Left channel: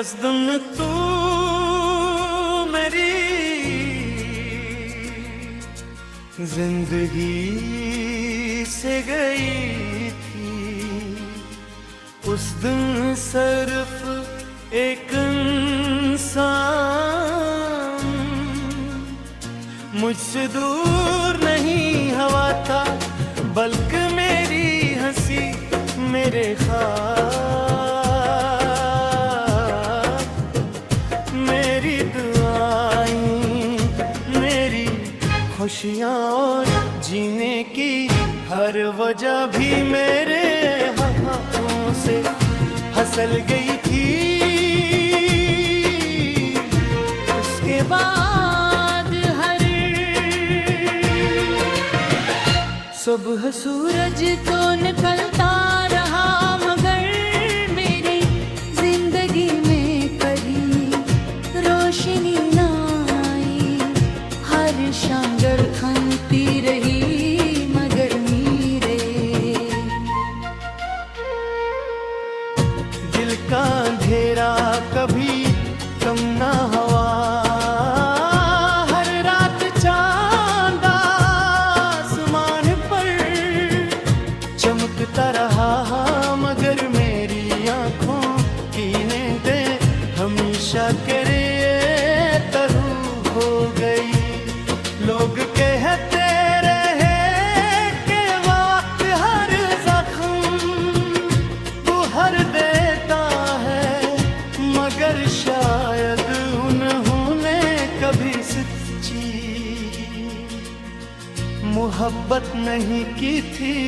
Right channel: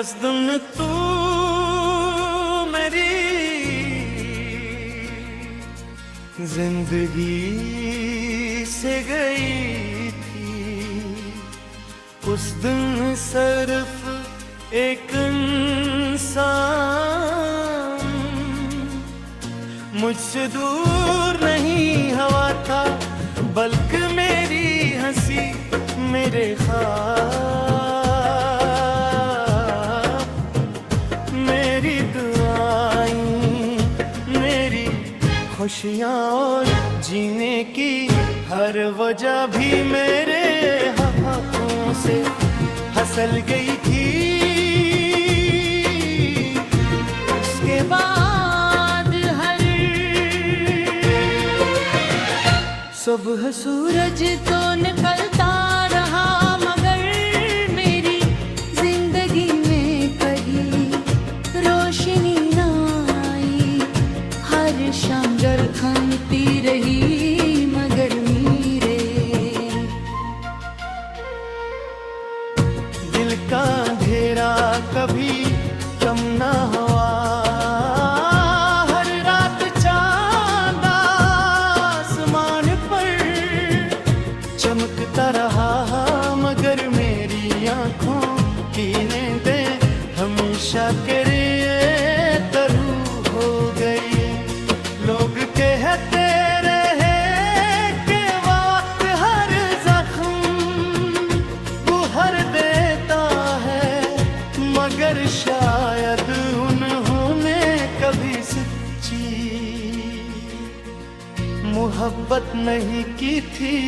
दिन तू मेरी जिंदगी से गई थी, उस दिन सिर्फ एक इंसान मुझसे दूर नहीं हवा था, बल्कि मेरी हंसी मेरे ख्वाब, मेरी दुआएं, मेरी खुशियाँ और जीने की हर वजह भी मेरे हाथों से हसल गई थी। उसके बाद हर सुबह सूरज तो निकलता रहा, मगर मेरी जिंदगी में कभी रोशनी ना आई। हर शाम जड़ थमती रही मगर मेरे दिल का अंधेरा कभी कम ना हुआ। हर रात चांद आसमान पर चमकता रहा, मगर मेरी आंखों की नींदें हमेशा के लिए तरू हो गई। लोग कहते रहे कि वक्त हर जख्म बुहर देता है, मगर शायद उन्होंने कभी सच्ची मोहब्बत नहीं की थी,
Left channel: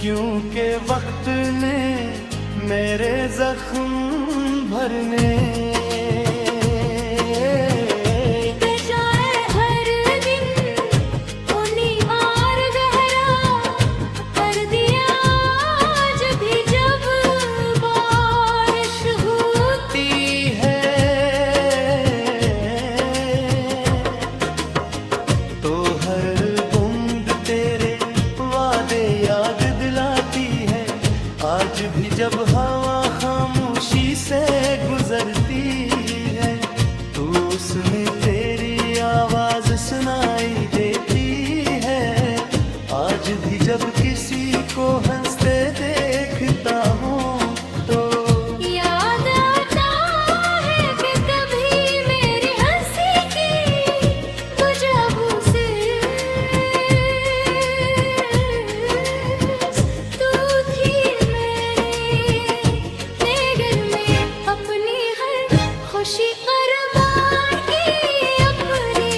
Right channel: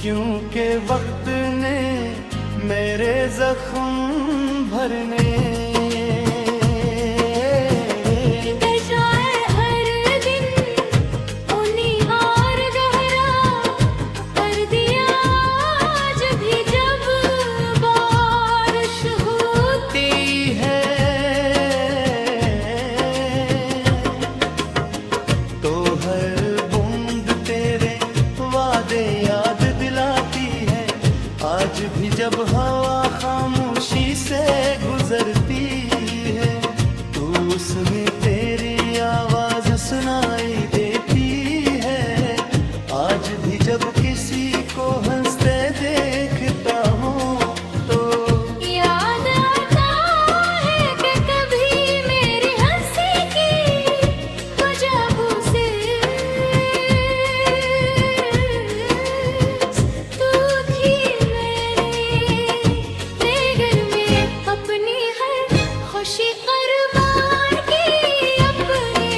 क्योंकि वक्त ने मेरे जख्म भरने याद दिलाती है। आज भी जब हवा खामोशी से गुजरती है, तो उसमें तेरी आवाज सुनाई देती है। आज भी जब किसी को हंसते देखता हूँ तो याद आता है कि कभी मेरी हंसी की वजह से खुशी कुर्बान की अपनी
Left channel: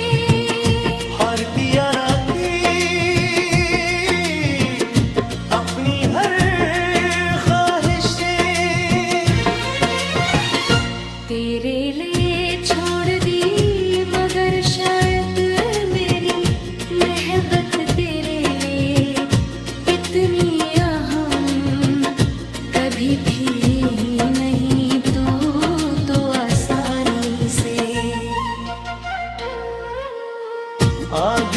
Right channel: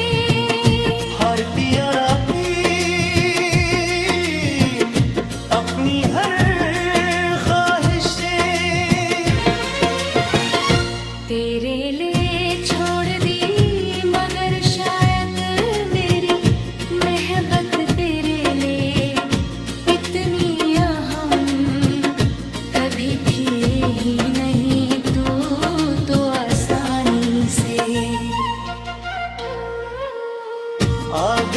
हर प्यारा की अपनी हर ख्वाहिशें तेरे लिए छोड़ दी, मगर शायद मेरी मोहब्बत तेरे लिए इतनी अहम कभी थी ही नहीं। तू आग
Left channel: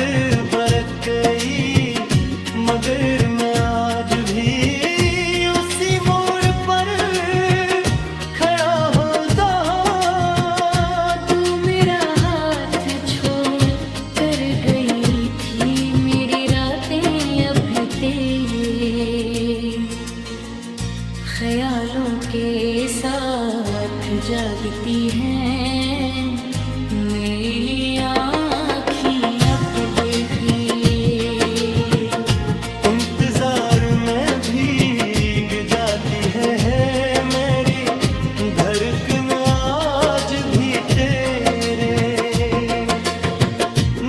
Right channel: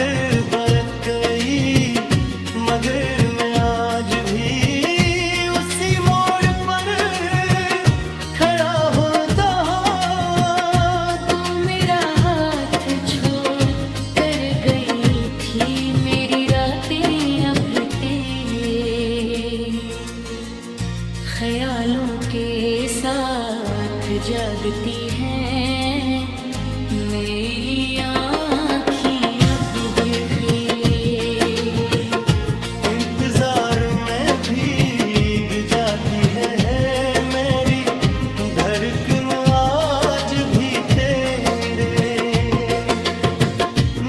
बरक गई, मगर मैं आज भी उसी मोड़ पर खड़ा होता। तू मेरा हाथ छोड़ कर गई थी, मेरी रातें अभी तेरे ख्यालों के साथ जागती हैं। मेरी आँखें अब देखी इंतजार में भीग जाती है मेरी धड़कन आज भी तेरे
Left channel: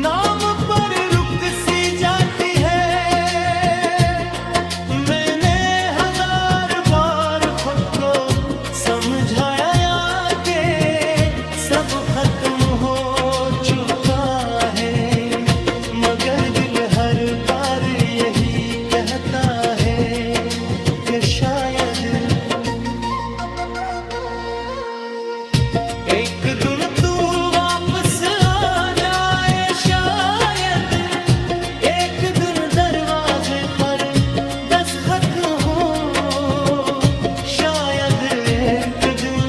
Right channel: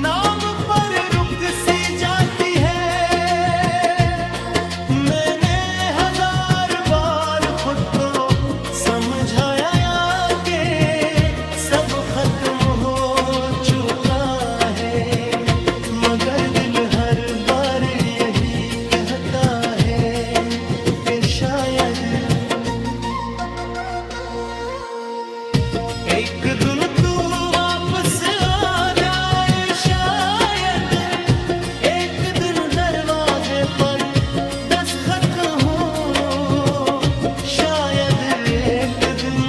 नाम पर रुक सी जाती है। मैंने हजार बार खुद को समझाया कि सब खत्म हो चुका है, मगर दिल हर बार यही कहता है कि शायद एक दिन तू वापस आ जाए। शायद एक दिन दरवाजे पर दस्तक हो, शायद एक दिन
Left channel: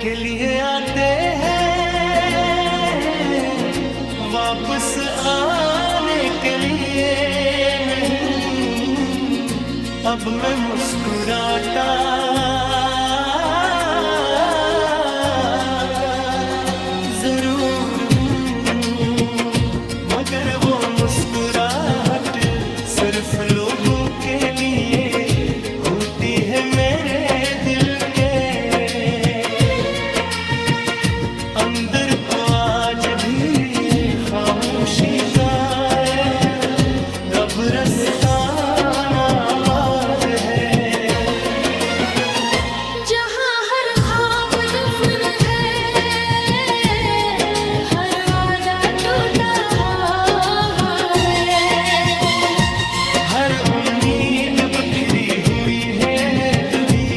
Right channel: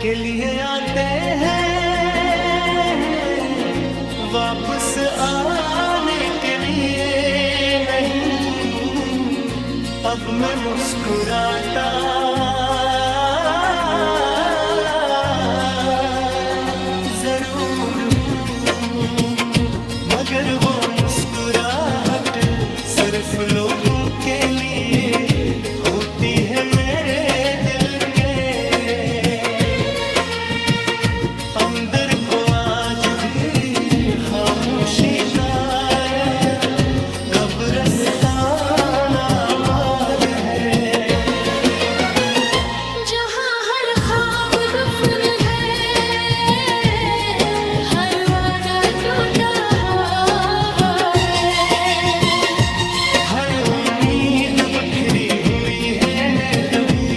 के लिए आते हैं, वापस आने के लिए नहीं। अब मैं मुस्कुराता जरूर हूँ, मगर वो मुस्कुराहट सिर्फ लोगों के लिए होती है मेरे दिल के अंदर को। आज भी खामोशी का एक कब्रिस्तान आबाद है, जहाँ हर ख्वाब दफन है, हर वादा टूटा हुआ है, हर उम्मीद बिखरी हुई है ने कभी।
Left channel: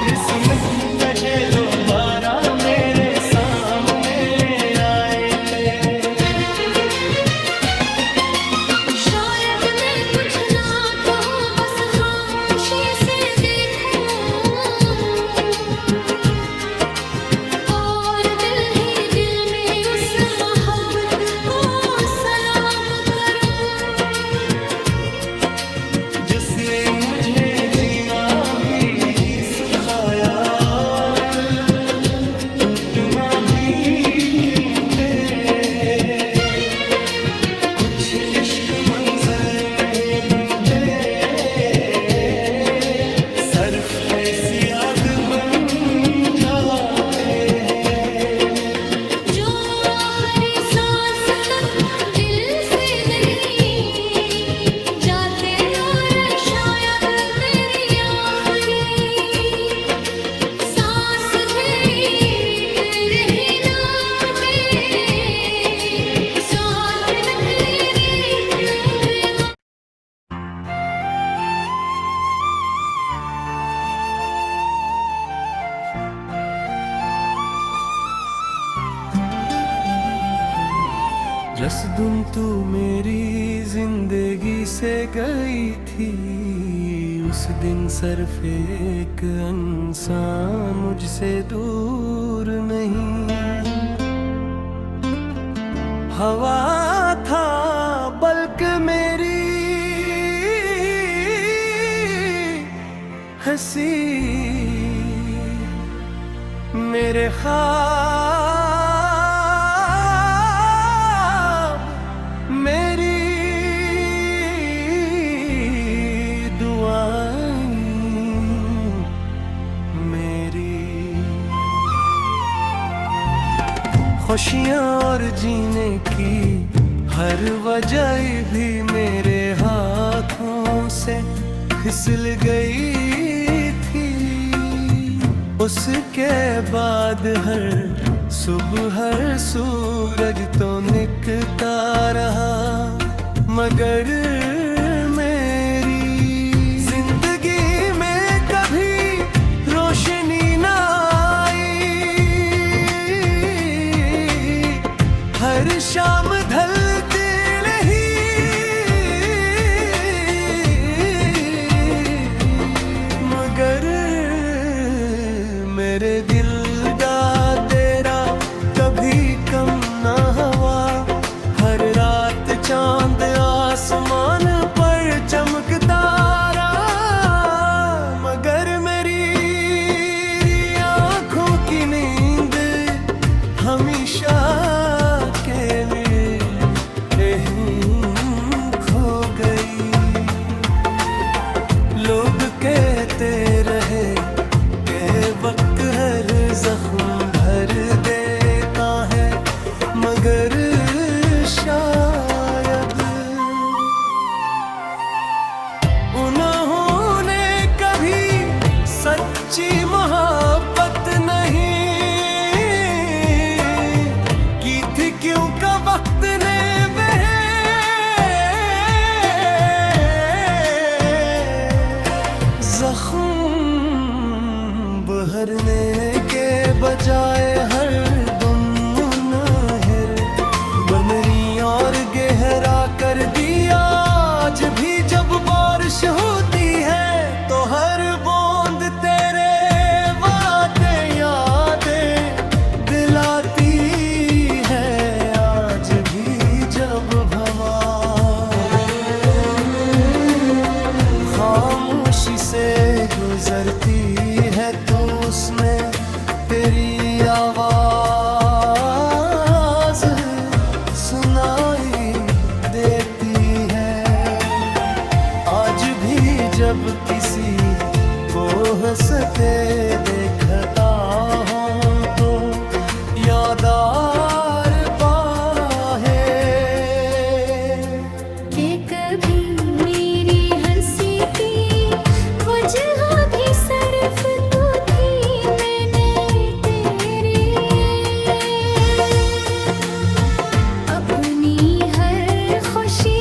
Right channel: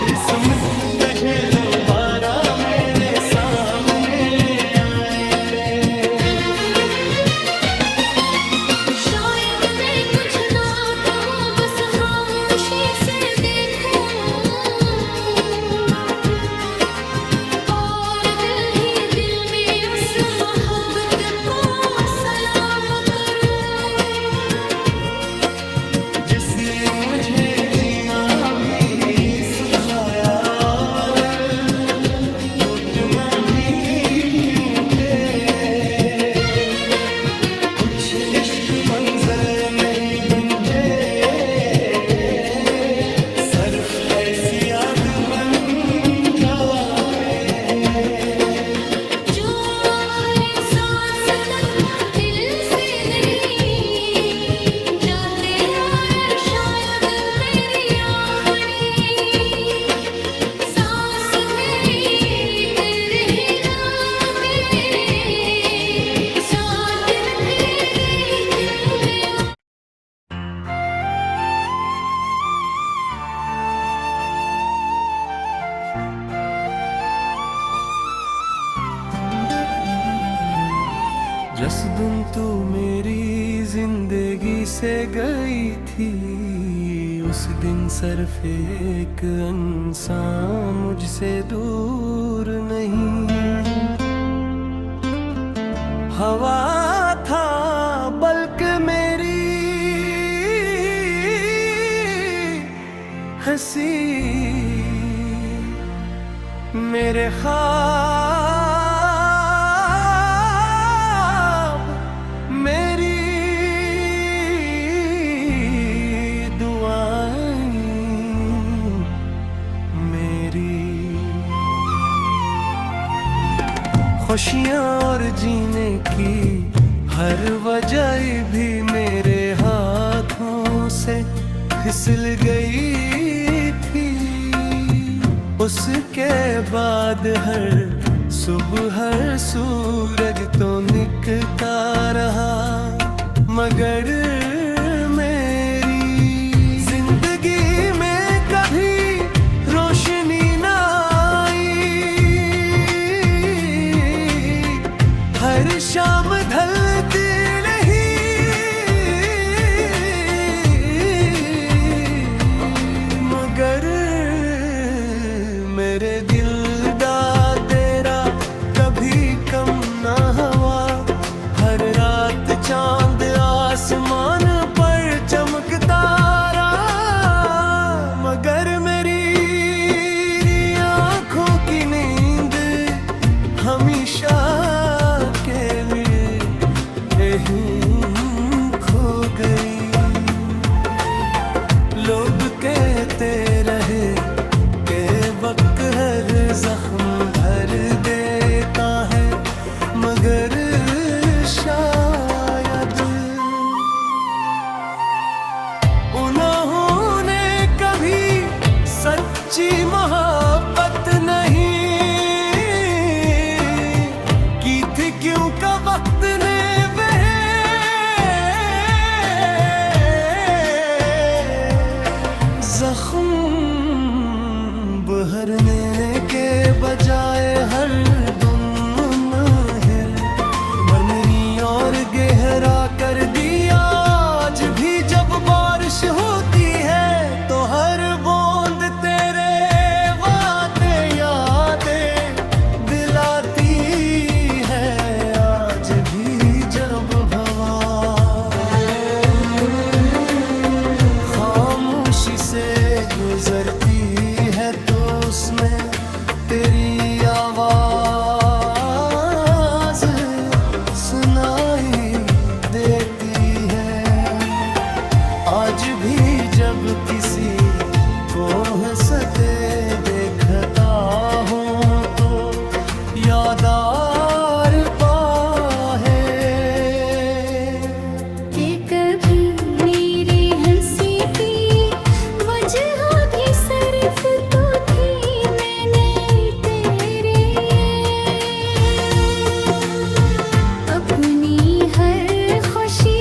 किस्मत तुझे दोबारा मेरे सामने ले आए थे। शायद मैं कुछ ना कहूँ, बस खामोशी से देखूं, और दिल ही दिल में उस मोहब्बत को सलाम करूं, जिसने मुझे जीना भी सुखाया और घुटना भी क्यों थे। कुछ इश्क मंजिल नहीं बनते, सिर्फ ऐसी आग बन जाते हैं जो आखिरी सांस तक दिल से नहीं जाते, और शायद मेरी आखिरी सांस भी तेरे ही नाम के साथ न तेरे क्यों देवा। जिस दिन तू मेरी जिंदगी से गई थी, उस दिन सिर्फ एक इंसान मुझसे दूर नहीं। हवा था बल्कि मेरी हंसी, मेरे ख्वाब मेरी दुआएं मेरी खुशियाँ और जीने की हर वजह भी मेरे हाथों से फिसल गई थी। उसके बाद हर सुबह हर सूरज तो निकलता रहा, मगर मेरी जिंदगी में कभी रोशनी ना आई। हर शाम ढलती नहीं, मगर मेरे दिल दा तेरा कभी कम ना हुआ। हर रात चांद आसमान पर चमकता रहा, मगर मेरी आंखों की नींद हमेशा के लिए यहीं खो गई। लोग कहते रहे के वक्त हर जख्म भर देता है, मगर शायद उन्होंने कभी सच्ची मोहब्बत नहीं की थी, क्यों का वक्त ने जख्म बहरने के बजाय हर दुम नहर मरमरी और गहरा कर दिया। आज भी जब बारिश होती है तो हर बूंद तेरे वास्ते से गुजरती है तो उसमें तेरी आवाज सुनाई देती है। आज भी जब किसी को हंसते देखता हूँ तो यादार बाहे कि कभी मेरी हंसी की वजह भी सिर्फ तू थी। मैंने तेरे अपनी हर खुशी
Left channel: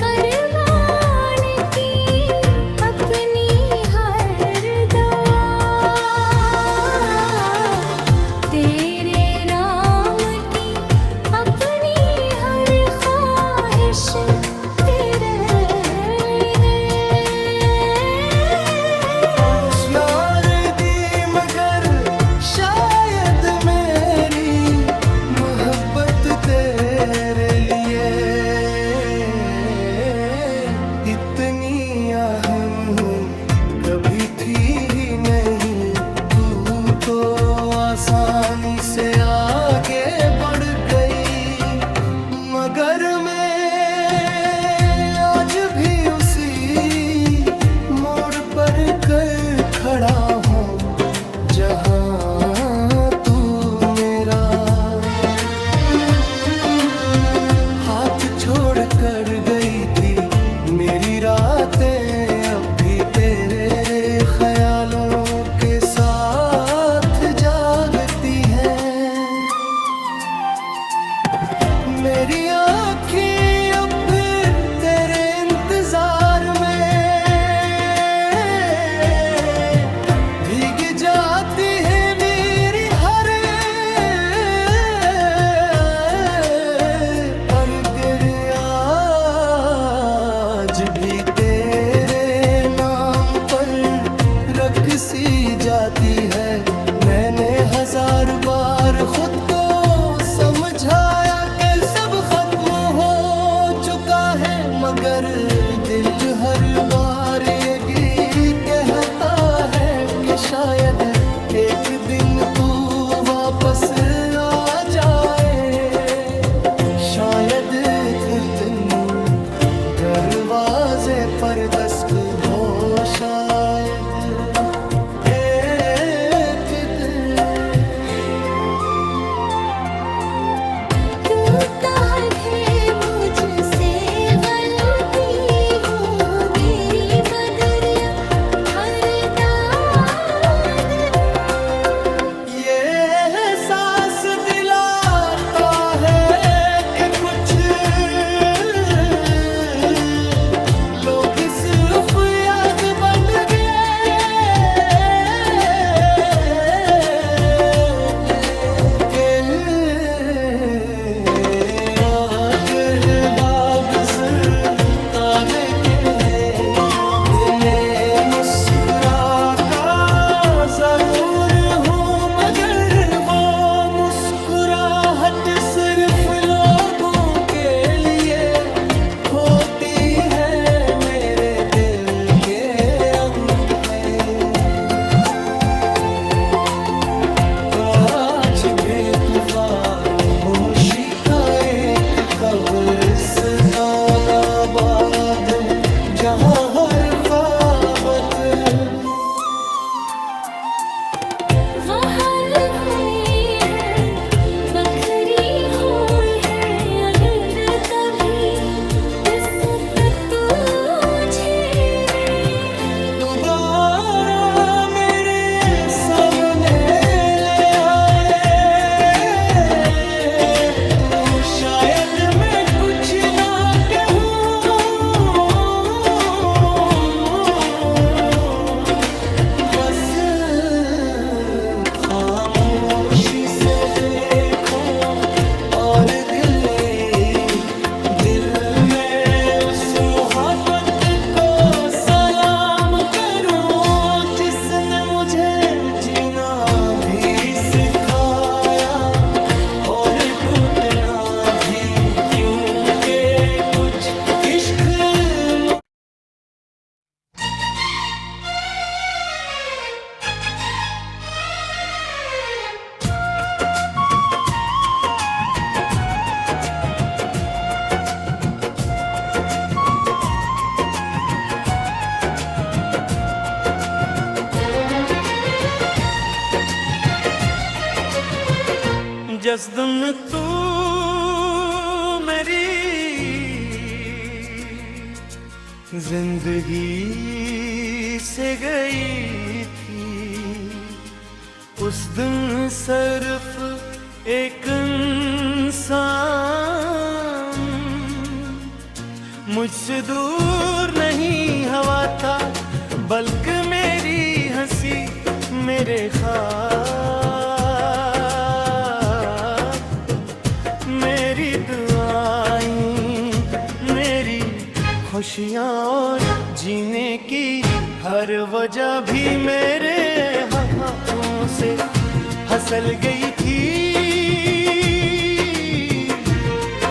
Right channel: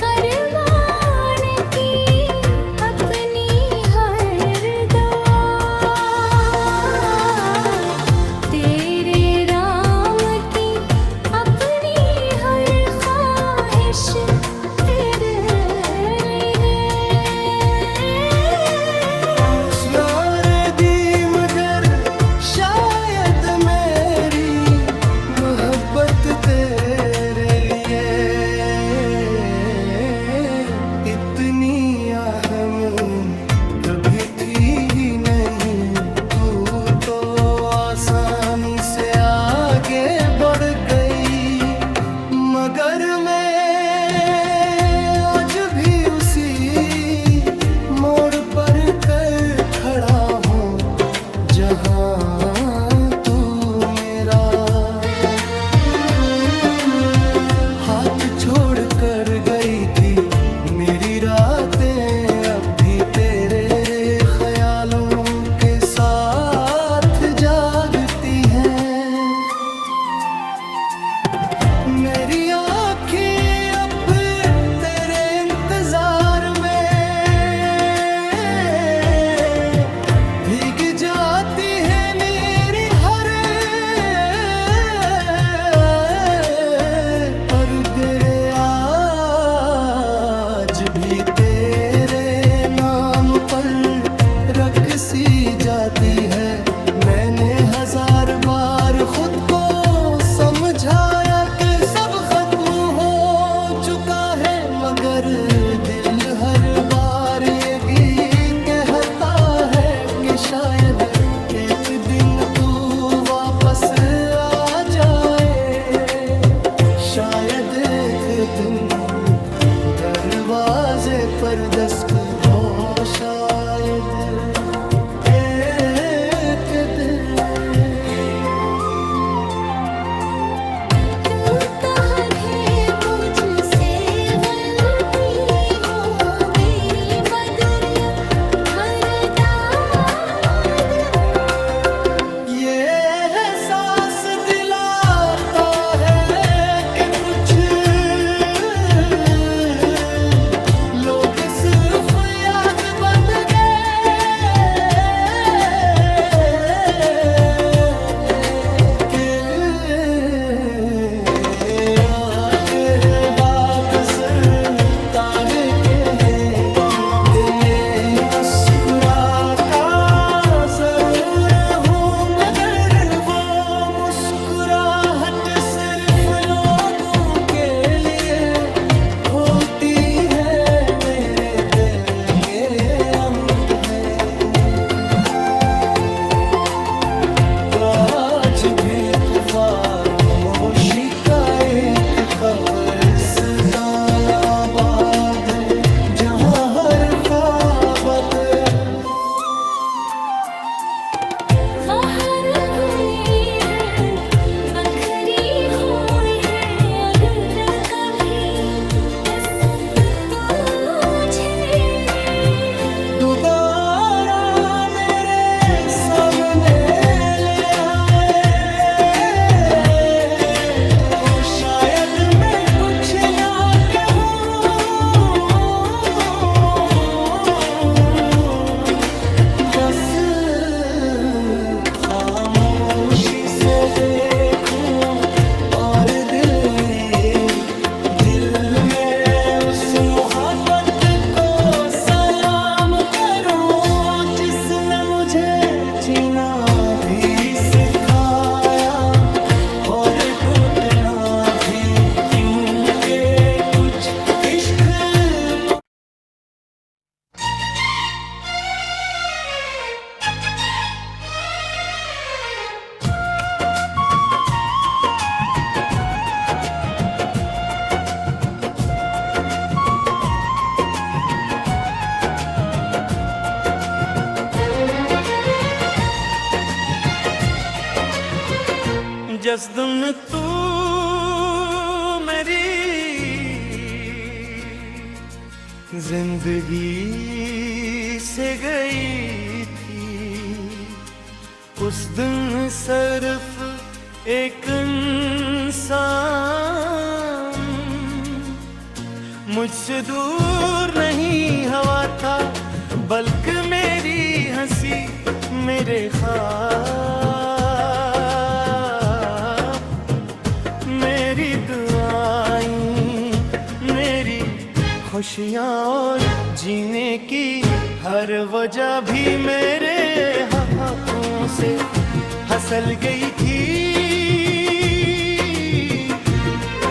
कुर्बान की, अपनी हर दुआ तेरे राम की, अपनी हर ख्वाहिश तेरे लिए। यार दी मगर शायद मेरी मोहब्बत तेरे लिए इतनी अहम कभी थी ही नहीं। तू तो आसानी से आगे बढ़ गई, मगर मैं आज भी उसी मोड़ पर कर खड़ा हूँ जहाँ तू मेरा हाथ छोड़ कर गई थी। मेरी रातें अब भी तेरे ख्यालों के साथ जागती हैं। मेरी आँखें अब तेरे इंतजार में भीग जाती है। मेरी हर और तेरे आज भी तेरे नाम पर रख सी जाती है। मैंने हजार बार खुद को समझाया कि सब खत्म हो चुका है, मगर दिल हर बार ये कहता है कि शायद एक दिन तू वापस आ जाए। शायद एक दिन दरवाजे पर दस्तक हो, शायद एक दिन। क्यों चाहे मुझसे गलती हो मेरी बदरिया हर दिन। ये एहसास दिलाता है कि कुछ लोग सिर्फ याद बन गए, जिस दिन तू मेरी जिंदगी से गई थी, उस दिन सिर्फ एक इंसान मुझसे दूर नहीं हवा था, बल्कि मेरी हंसी, मेरे ख्वाब, मेरी दुआएं, मेरी खुशियाँ और जीने की हर वजह भी मेरे हाथों से हसल गई थी।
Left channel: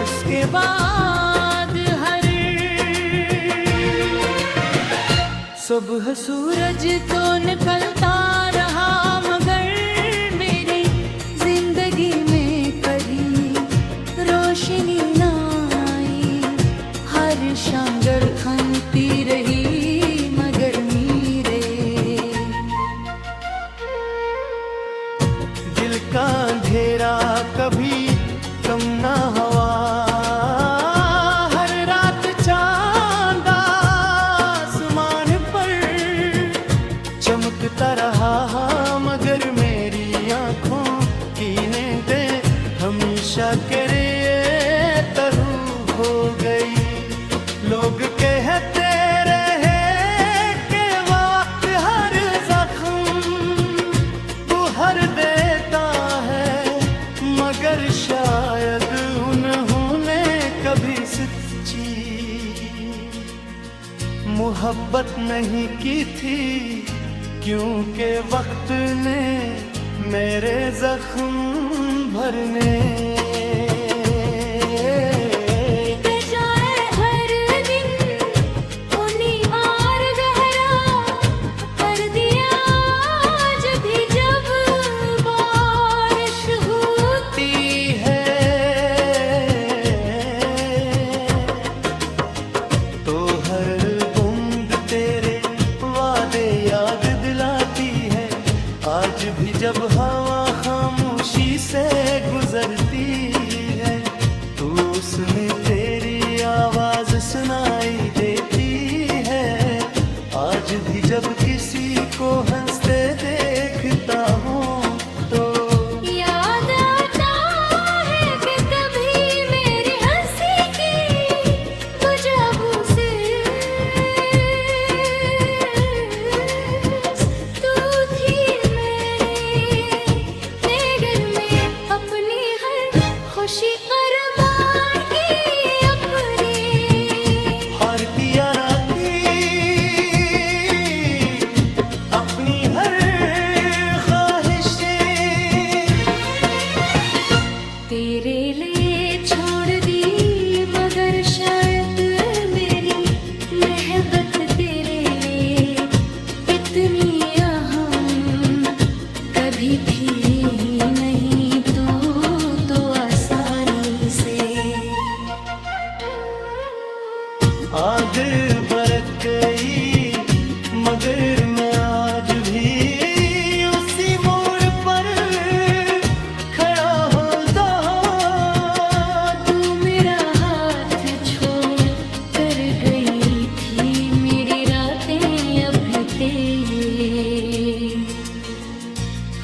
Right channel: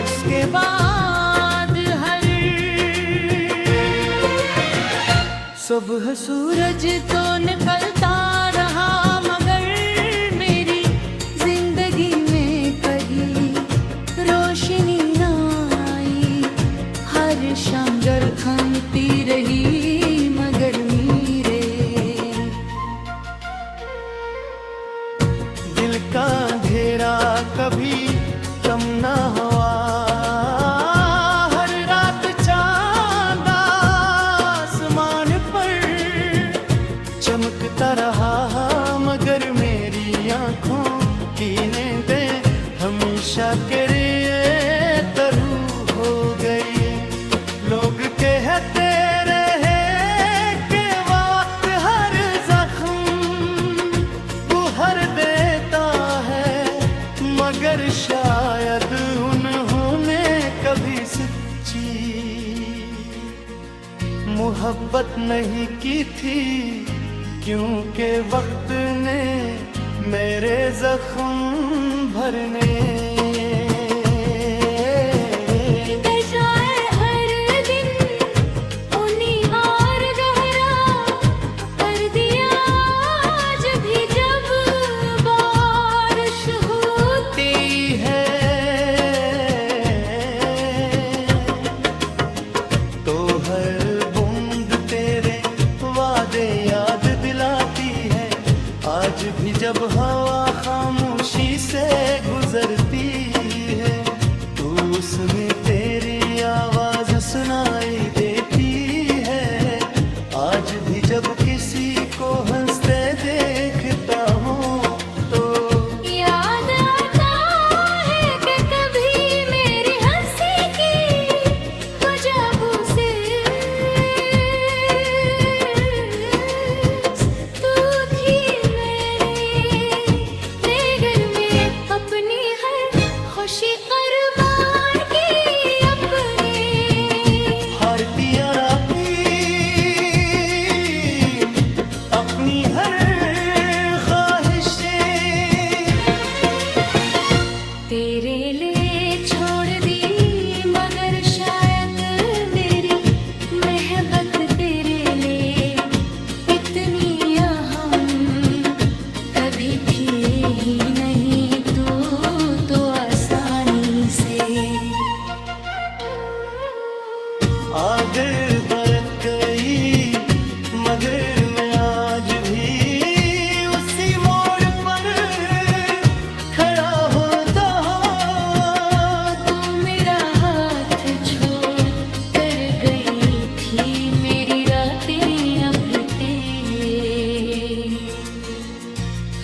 उसके बाद हर सुबह सूरज तो निकलता रहा, मगर मेरी जिंदगी में कहीं रोशनी ना आई। हर शाम जड़ थमती रही मगर नीरे, दिल का अंधेरा कभी कम ना हुआ। हर रात चांद आसमान पर चमकता रहा, मगर मेरी आंखों की नींदें हमेशा के लिए तरू हो गई। लोग कहते रहे कि वक्त हर जख्म बुहर देता है, मगर शायद उन्होंने कभी सच्ची मोहब्बत नहीं की थी, क्योंकि वक्त ने मेरे जख्म भरने याद दिलाती है। आज भी जब हवा खामोशी से गुजरती है, तो उसमें तेरी आवाज सुनाई देती है। आज भी जब किसी को हंसते देखता हूँ तो याद आता है कि कभी मेरी हंसी की वजह से तू थी मेरे घर में। अपनी हर खुशी कुर्बान की, अपनी हर प्यारा की, अपनी हर ख्वाहिशें तेरे लिए छोड़ दी, मगर शायद मेरी मोहब्बत तेरे लिए इतनी अहम कभी थी ही नहीं। तू तो आसानी से आग बरक गई, मगर मैं आज भी उसी मोड़ पर खड़ा होता। तू मेरा हाथ छोड़ कर गई थी, मेरी रातें अभी तेरे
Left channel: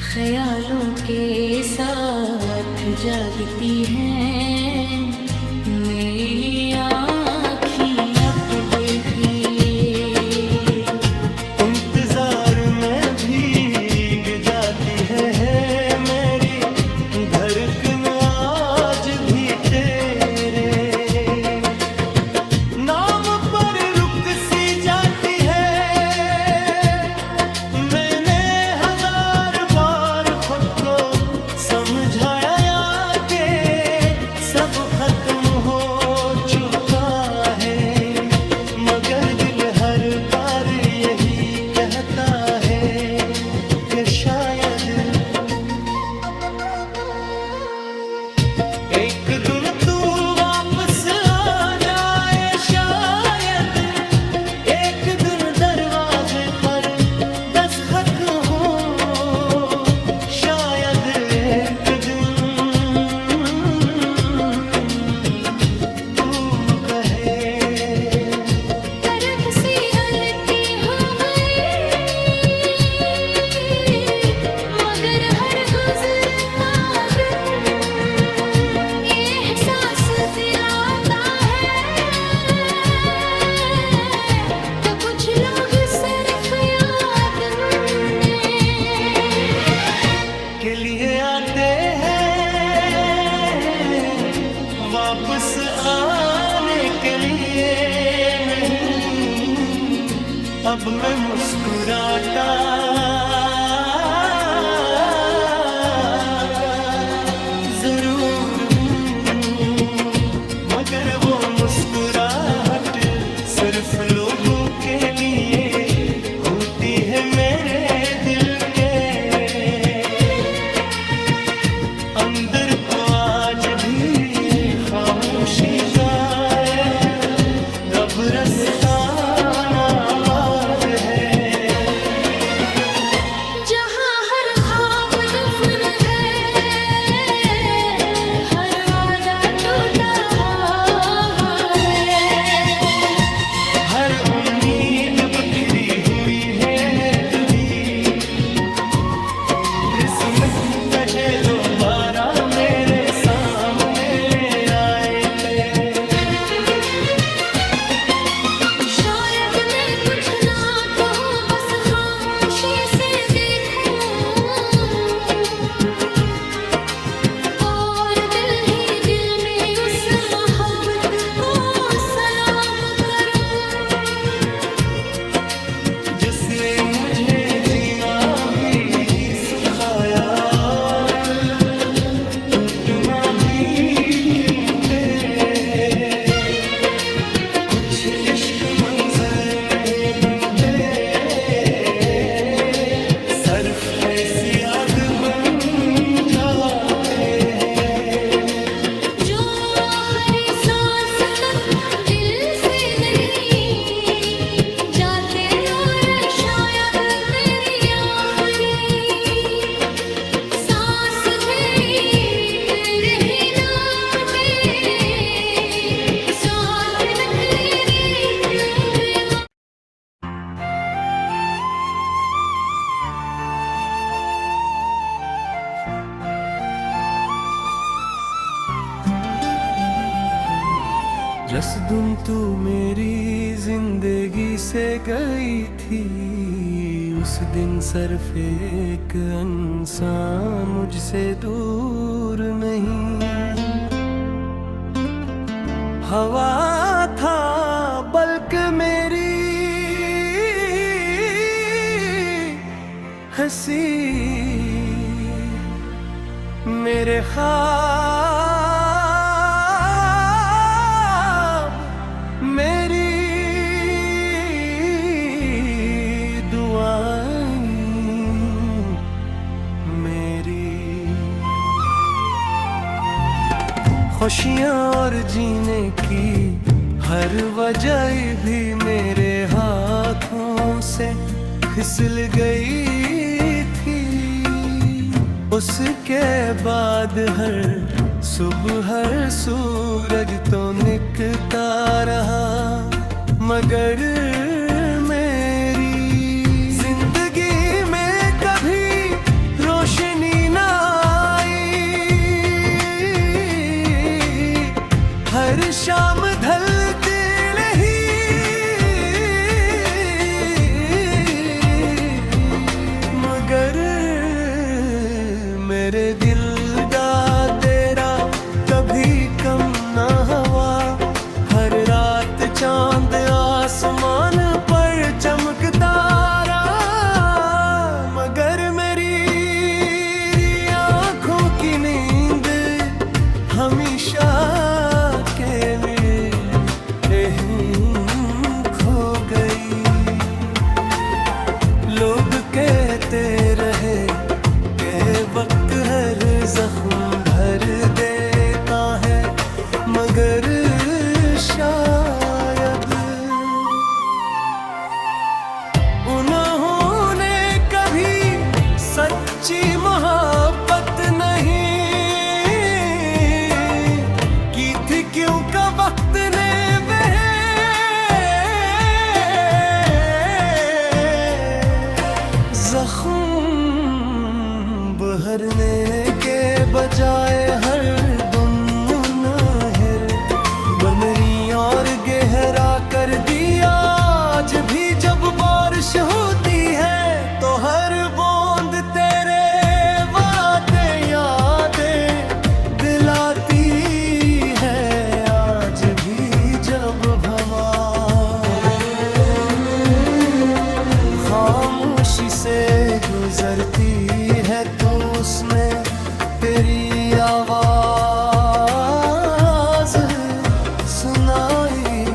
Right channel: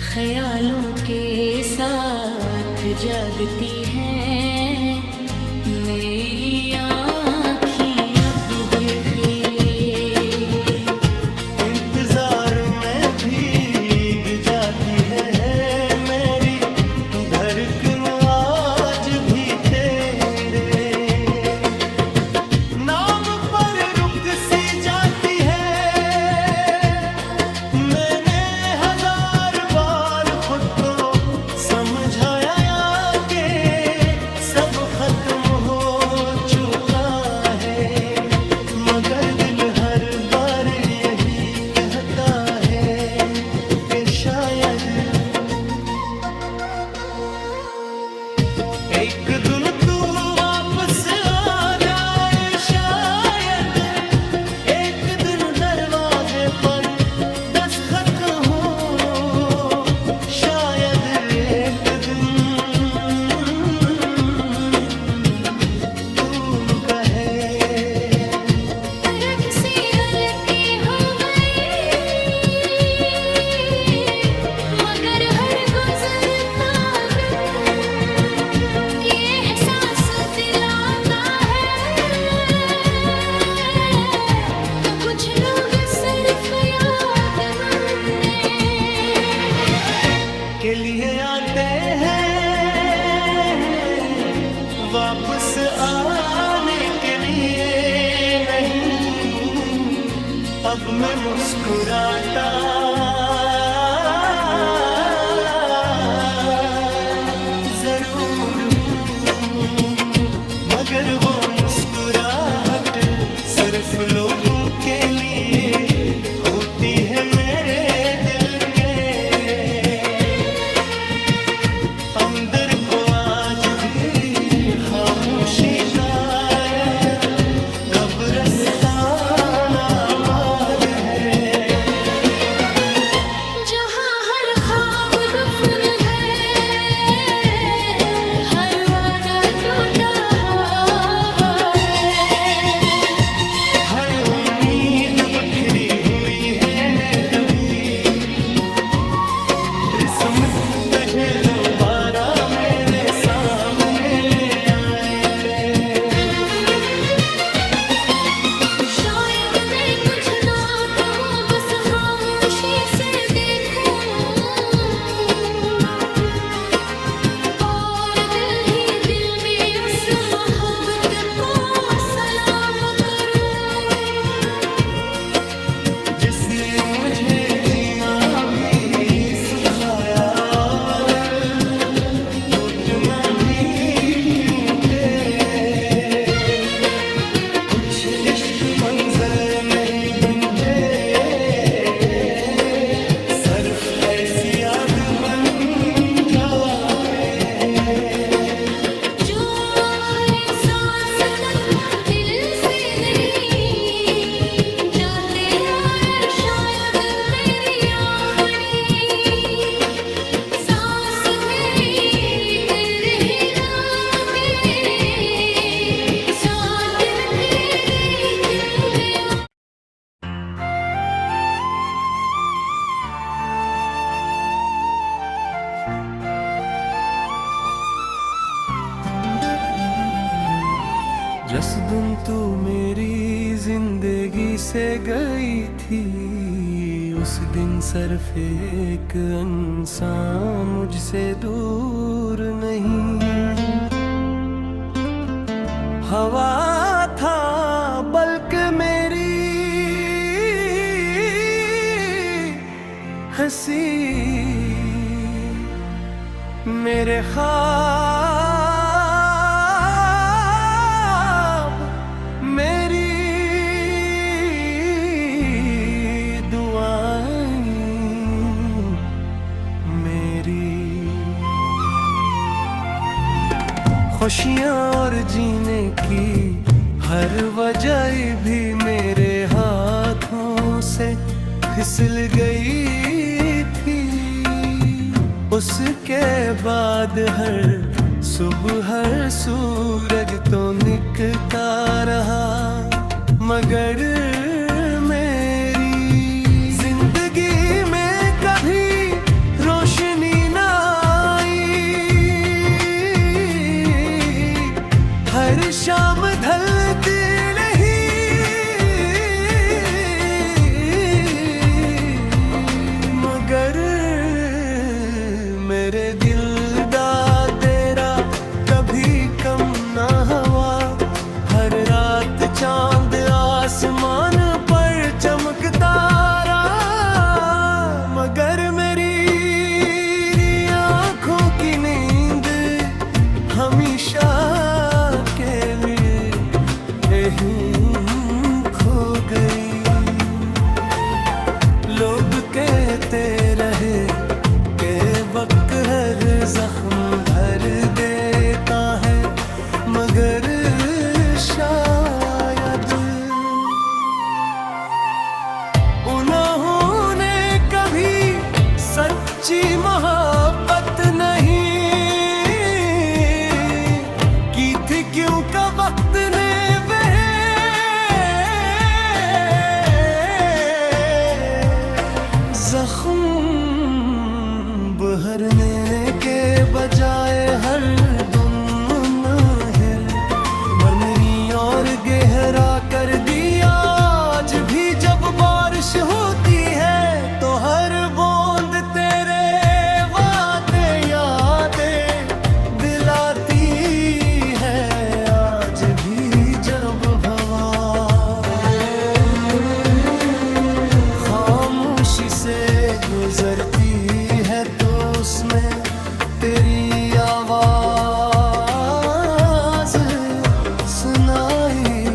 ख्यालों के साथ जागती हैं। मेरी आँखें अब देखिए इंतजार में भीग जाती है मेरी धड़कन आज भी तेरे नाम पर रुक सी जाती है। मैंने हजार बार खुद को समझाया कि सब खत्म हो चुका है, मगर दिल हर बार यही कहता है कि शायद एक दिन तू वापस आ जाए। शायद एक दिन दरवाजे पर दस्तक हो, शायद एक दिन के लिए आते हैं, वापस आने के लिए नहीं। अब मैं मुस्कुराता जरूर हूँ, मगर वो मुस्कुराहट सिर्फ लोगों के लिए होती है मेरे दिल के अंदर को। आज भी खामोशी का एक कब्रिस्तान आबाद है, जहाँ हर ख्वाब दफन है, हर वादा टूटा हुआ है, हर उम्मीद बिखरी हुई है ने कभी किस्मत तुझे दोबारा मेरे सामने ले आए थे। शायद मैं कुछ ना कहूँ, बस खामोशी से देखूं, और दिल ही दिल में उस मोहब्बत को सलाम करूं, जिसने मुझे जीना भी सुखाया और घुटना भी क्यों थे। कुछ इश्क मंजिल नहीं बनते, सिर्फ ऐसी याद बन जाते हैं जो आखिरी सांस तक दिल से नहीं जाते, और शायद मेरी आखिरी सांस भी तेरे ही नाम के साथ नकरेरे क्यों दे। जिस दिन तू मेरी जिंदगी से गई थी, उस दिन सिर्फ एक इंसान मुझसे दूर नहीं। हवा था बल्कि मेरी हंसी, मेरे ख्वाब मेरी दुआएं मेरी खुशियाँ और जीने की हर वजह भी मेरे हाथों से फिसल गई थी। उसके बाद हर सुबह हर सूरज तो निकलता रहा, मगर मेरी जिंदगी में कभी रोशनी ना आई। हर शाम ढलती नहीं, मगर मेरे दिल दा तेरा कभी कम ना हुआ। हर रात चांद आसमान पर चमकता रहा, मगर मेरी आंखों की नींद हमेशा के लिए यहीं खो गई। लोग कहते रहे के वक्त हर जख्म भर देता है, मगर शायद उन्होंने कभी सच्ची मोहब्बत नहीं की थी, क्योंकि वक्त ने जख्म बहरने के बजाय हर दम मुनाहिर मरमरी और गहरा कर दिया। आज भी जब बारिश होती है तो हर बूंद तेरे वास्ते खामोशी से गुजरती है तो उसमें तेरी आवाज सुनाई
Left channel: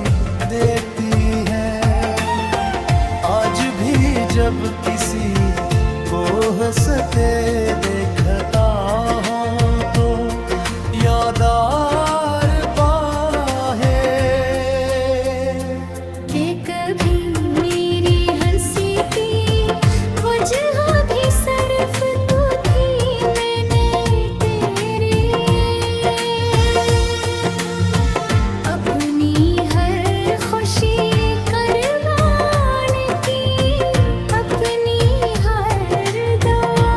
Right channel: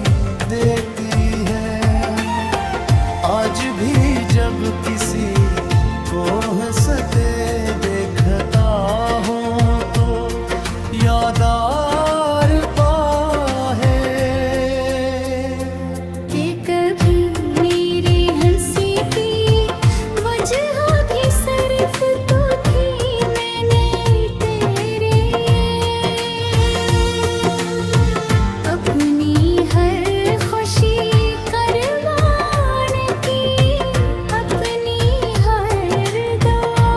देती है। आज भी जब किसी को हंसते देखता हूँ तो याद आर है कि कभी मेरी हंसी की वजह भी सिर्फ तू थी। मैंने तेरे अपनी हर खुशी कुर्बान की, अपनी हर दुआ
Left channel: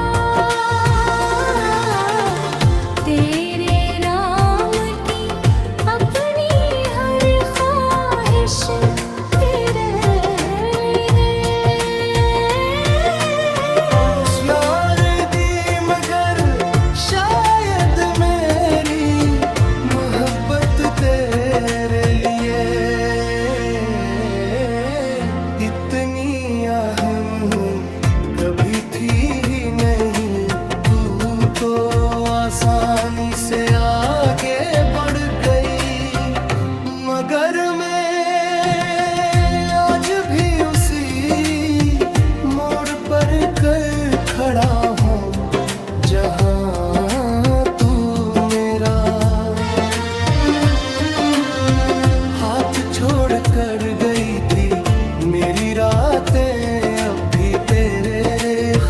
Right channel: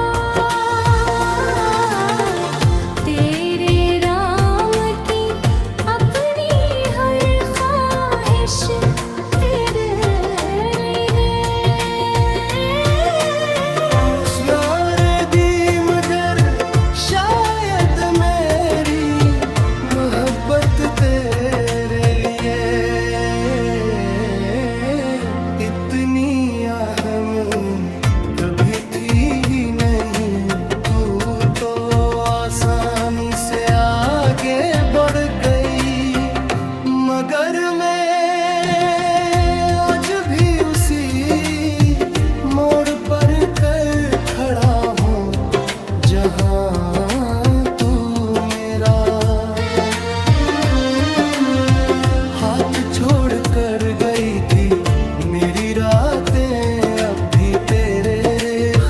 तेरे राम की, अपनी हर ख्वाहिश तेरे लिए। यार दी मगर शायद मेरी मोहब्बत तेरे लिए इतनी अहम कभी थी ही नहीं। तू तो आसानी से आगे बढ़ गई, मगर मैं आज भी उसी मोड़ पर कर खड़ा हूँ जहाँ तू मेरा हाथ छोड़ कर गई थी। मेरी रातें अब भी तेरे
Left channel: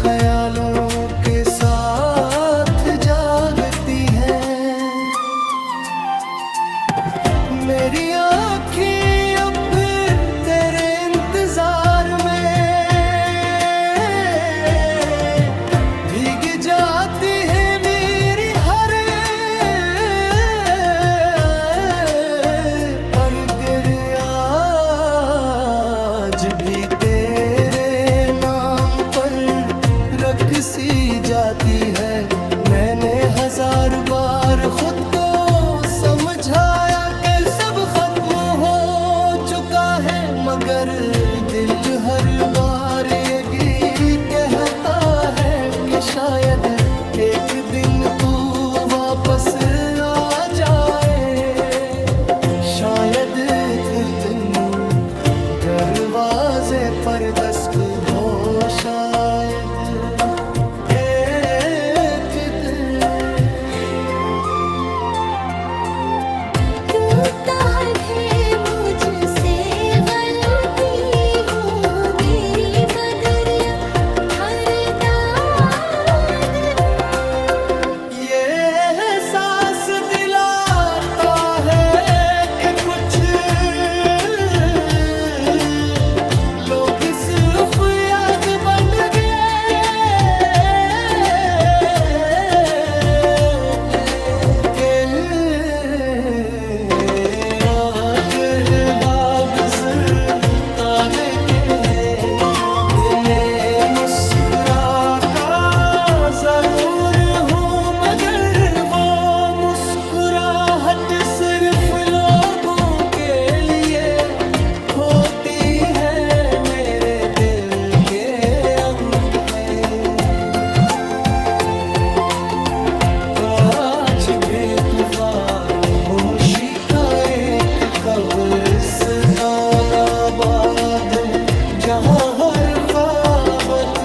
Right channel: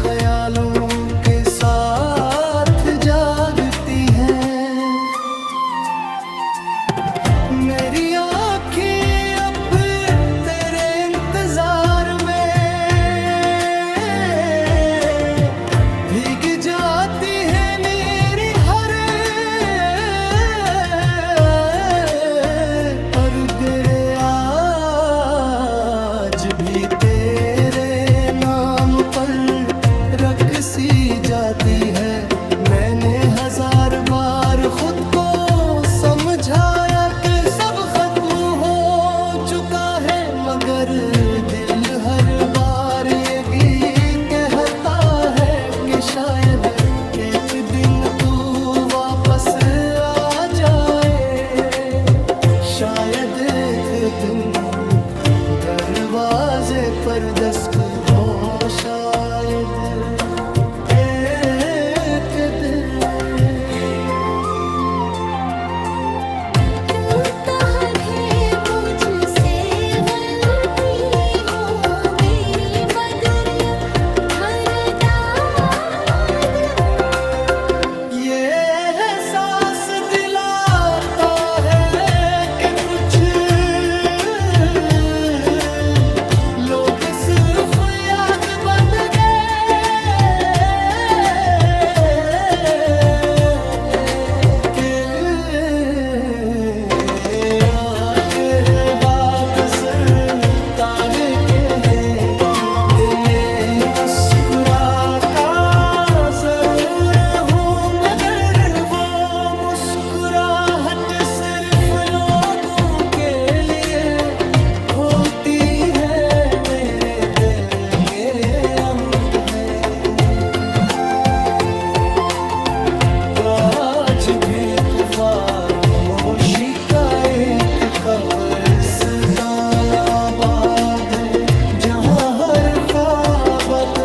ख्यालों के साथ जागती हैं। मेरी आँखें अब तेरे इंतजार में भीग जाती है। मेरी हर और तेरे आज भी तेरे नाम पर रख सी जाती है। मैंने हजार बार खुद को समझाया कि सब खत्म हो चुका है, मगर दिल हर बार ये कहता है कि शायद एक दिन तू वापस आ जाए। शायद एक दिन दरवाजे पर दस्तक हो, शायद एक दिन। क्यों चाहे मुझसे गलती हो मेरी बदरिया हर दिन। ये एहसास दिलाता है कि कुछ लोग सिर्फ याद बन गए। तारे के दिन मुस्कुरा का जरूर हूँ, मगर वो मुस्कुराहट सिर्फ लोगों के लिए होती है। मेरे दिल के अंदर तो आज भी खामोशी का एक कब्रिस्तान आबाद है, जहाँ हर ख्वाबत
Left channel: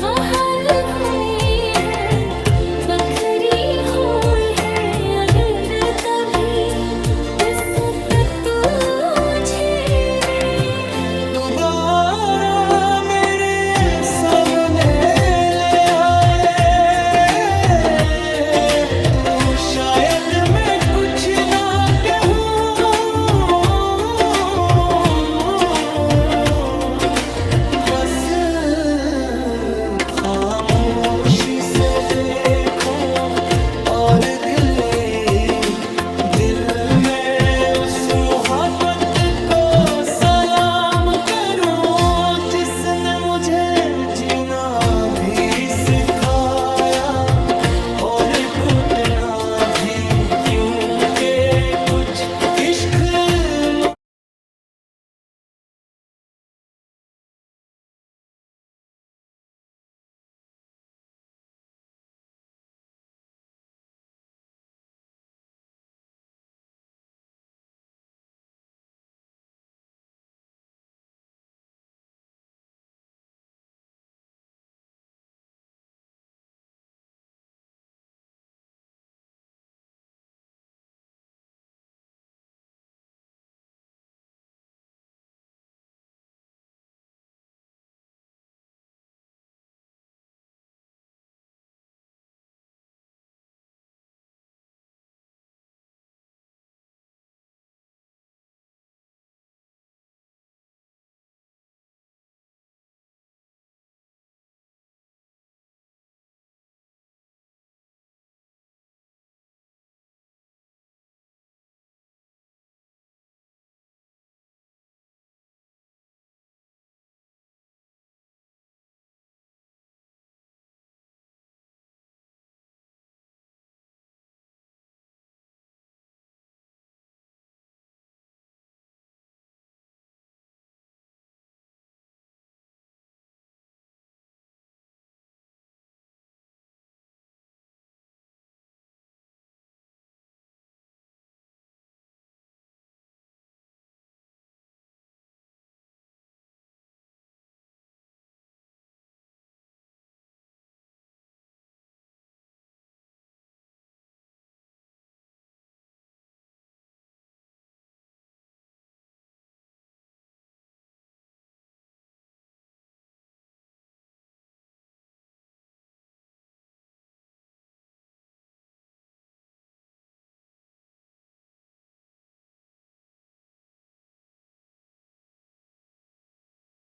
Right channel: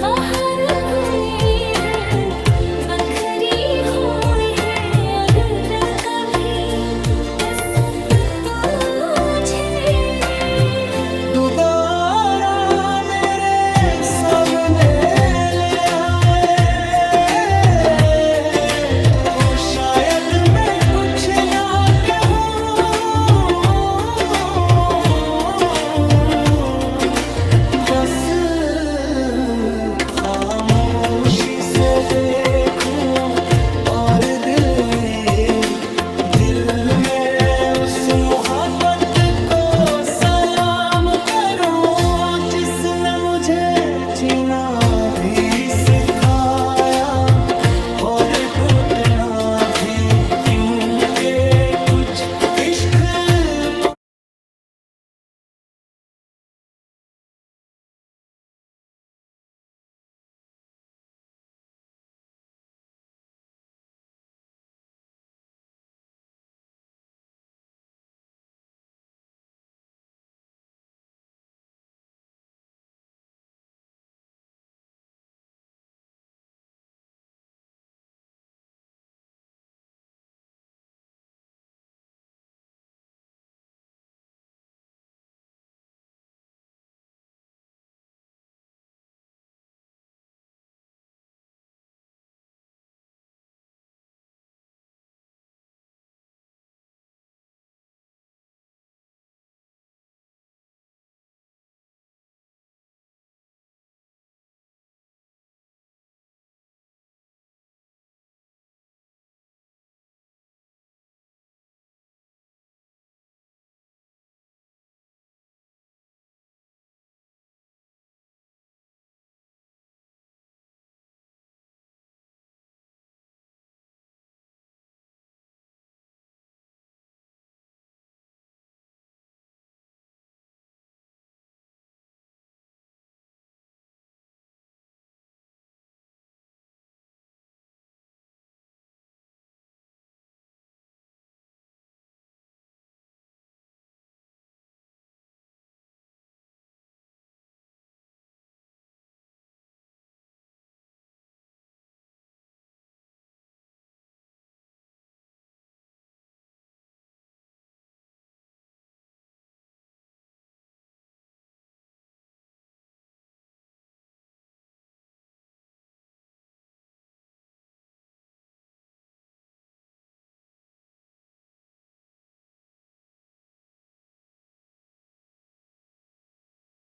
बाहर घूमे हैं, बखरी हुई है। अगर कभी दस्तक तुझे दे, दोबारा मेरे सामने ले आए तू, शायद मैं कुछ ना कहूँ, बस खामोशी से देखूं और दिल में उस मोहब्बत